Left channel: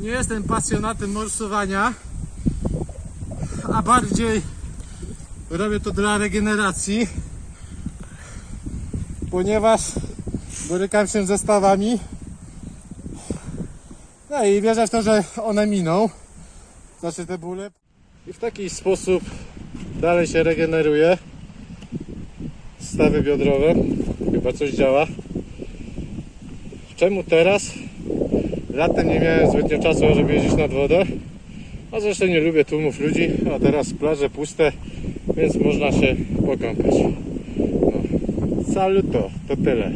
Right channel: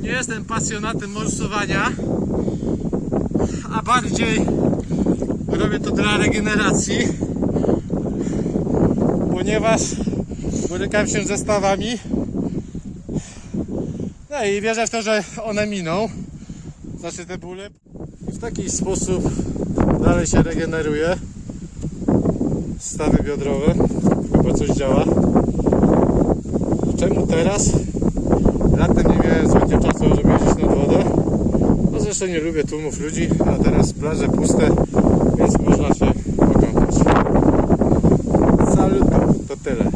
Nie jestem pasjonatem morsowania, a bardziej robię to dla regeneracji, ponieważ borykam się ze stawami, no i wierzę w to, że one miną, znaczy te bóle, i w taki sposób dalej się regeneruje. Stawy biodrowe, chyba coś działa. Czemu teraz? Latem nie miałem zbytnio czasu, żeby jeździć nad wodę, a zresztą nie lubię tłumów ludzi, a teraz plaże puste, więc można się pokąpać. Saluto, to tyle.